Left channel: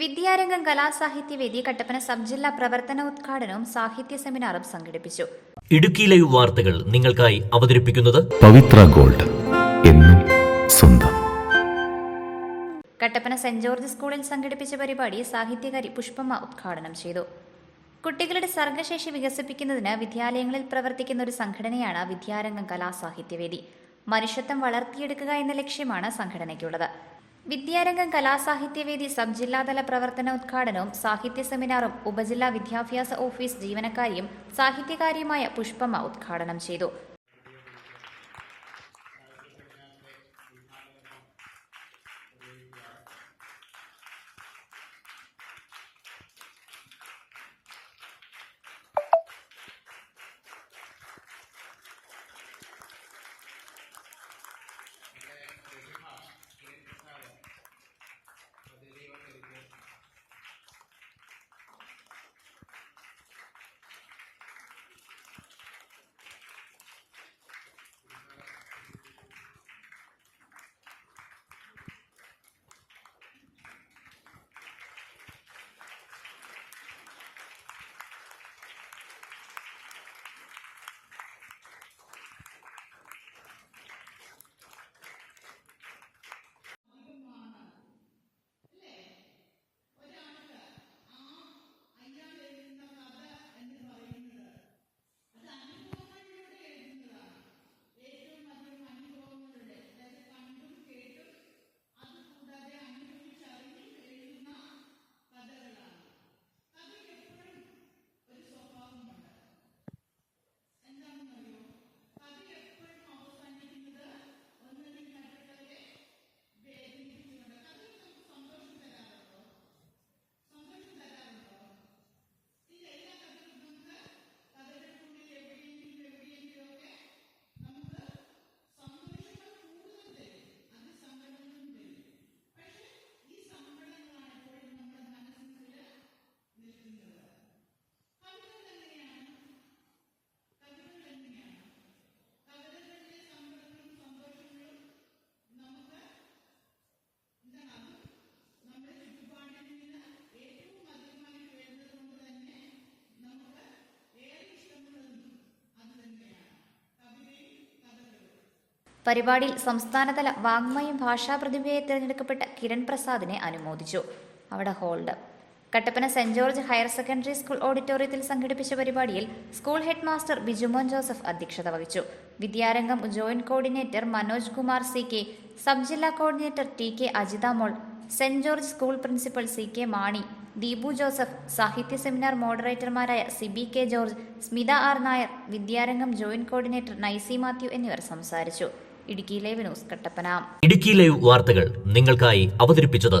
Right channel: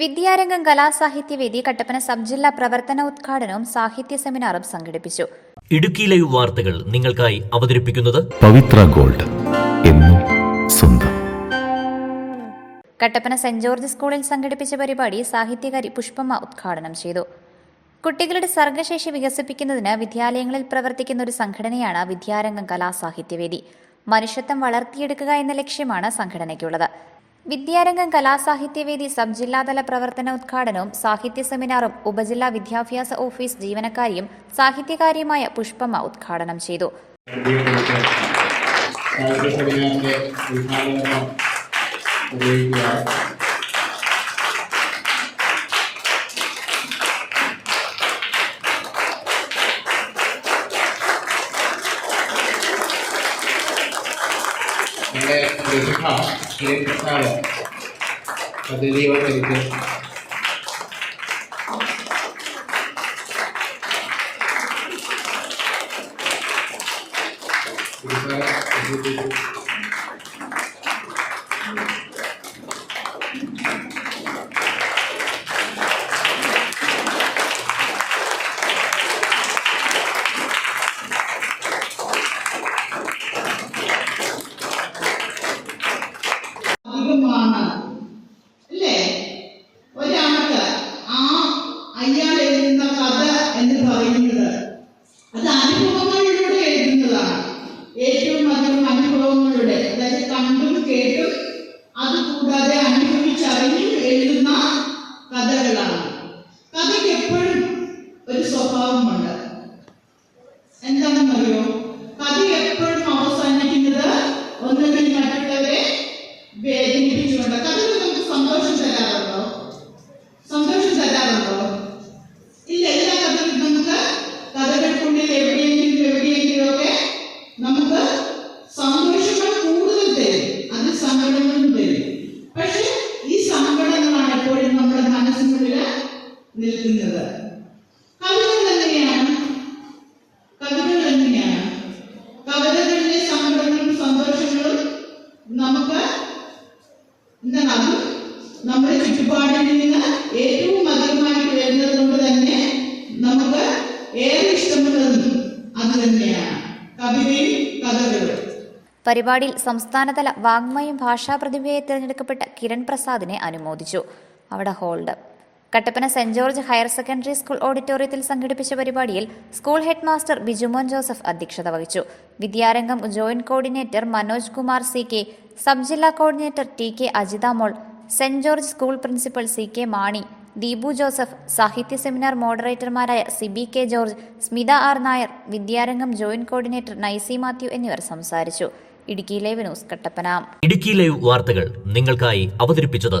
വിദ്യാരംഗം Kalasahithyavedi Kattappana sub ജില്ലാ പ്രവർത്തന ഉദ്ഘാടനവും സാഹിത്യ സെമിനാറും സംഘടിപ്പിച്ചു. ഇടുക്കി ലൈവ് വാർത്തകൾ നിങ്ങൾക്കായി അവതരിപ്പിക്കുന്നത് പവിത്ര ഗോൾഡ് എന്നും സ്വന്തം. കട്ടപ്പന സെന്റ് ജോർജ് സ്കൂളിൽ സംഘടിപ്പിച്ച പരിപാടി സാഹിത്യകാരി പുഷ്പമ്മ ഉദ്ഘാടനം ചെയ്തു. കുട്ടികളുടെ സർഗശേഷി വികസിപ്പിക്കുന്നതിന് വിദ്യാലയങ്ങളിൽ പ്രവർത്തിക്കുന്ന ഒരു സംഘടനയാണ് വിദ്യാരംഗം കലാസാഹിത്യവേദി മനുഷ്യത്വം വളർത്തിയെടുക്കുക എന്ന ലക്ഷ്യമാണ് സംഘടനയ്ക്കുള്ളത്. വിദ്യാരംഗം കലാസാഹിത്യവേദി സബ് ജില്ലാതല പ്രവർത്തന ഉദ്ഘാടനവും സാഹിത്യ സെമിനാറും ഉപജില്ലാ വിദ്യാഭ്യാസ ഓഫീസ് ജീവനക്കാരിയും സാഹിത്യകാരിയുമായ പുഷ്പമ്മ ഉദ്ഘാടനം ചെയ്തു. സാഹിത്യ സെമിനാറിന്റെ ഉദ്ഘാടനം ഉപയോഗിക്കുകയാണ് നമ്മുടെ പ്രതിഭ ശ്രീകൃഷ്ണാണ് പദ്ധതിവൽക്കരിച്ച് പ്രതിഭ എന്ന് പറയുന്നത് അത് അനുഭവങ്ങളിലൂടെ എഴുതുന്നതാണ്. ഏറ്റവും അധികം അനുഭവങ്ങളുടെ അതായത് കണ്ടും കേട്ടും അതുകൂടാതെ അനുഭവിച്ചറിഞ്ഞും എഴുതുന്ന കഥകളാണ്. കഥയ്ക്ക് എപ്പോഴും ഒരു സ്വഭാവമുണ്ട്. നിൽക്കുന്നത്. കവിതകൾ എങ്ങനെയാണ്? കവിതകൾ എങ്ങനെയാണ്? കവിതകളിലെ സങ്കടങ്ങളും സന്തോഷങ്ങളും നമുക്ക് എന്താണ് അത്? നമ്മുടെ ചുറ്റുപാടിൽ നിന്ന് ഏറ്റവും അധികമായിട്ട് വരുന്നത് കൊണ്ട് തന്നെ നമുക്ക് ഏറെ ഇഷ്ടമുള്ളതും അത് തന്നെയാണ്. കവിതയും കഥകളും. പരിപാടിയിൽ സംസ്ഥാനതല വാങ്മയം ഭാഷാ പ്രതിഭയെ തിരഞ്ഞെടുക്കപ്പെട്ട കിരൺ പ്രസാദിനെ അനുമോദിച്ചു. അവിടെ hold. Kattappana saint George higher secondary school ഓഡിറ്റോറിയത്തിൽ സംഘടിപ്പിച്ച പരിപാടിയിൽ school head master Bijumon Joseph അധ്യക്ഷത വഹിച്ചു. Vidyarangam joint coordinator Manoj Kumar C K sub ജില്ലാ coordinator T K Ajithamol saint George school principal C K Mani Deepu Joseph സാഹിത്യ seminar മോഡറേറ്റർമാരായ Sibi K George Smitha R Nair Vidyarangam joint coordinator Nicy Mathew എന്നിവർ സംസാരിച്ചു. Idukki live news Kattappana. Idukki live വാർത്തകൾ നിങ്ങൾക്കായി അവതരിപ്പിച്ചത്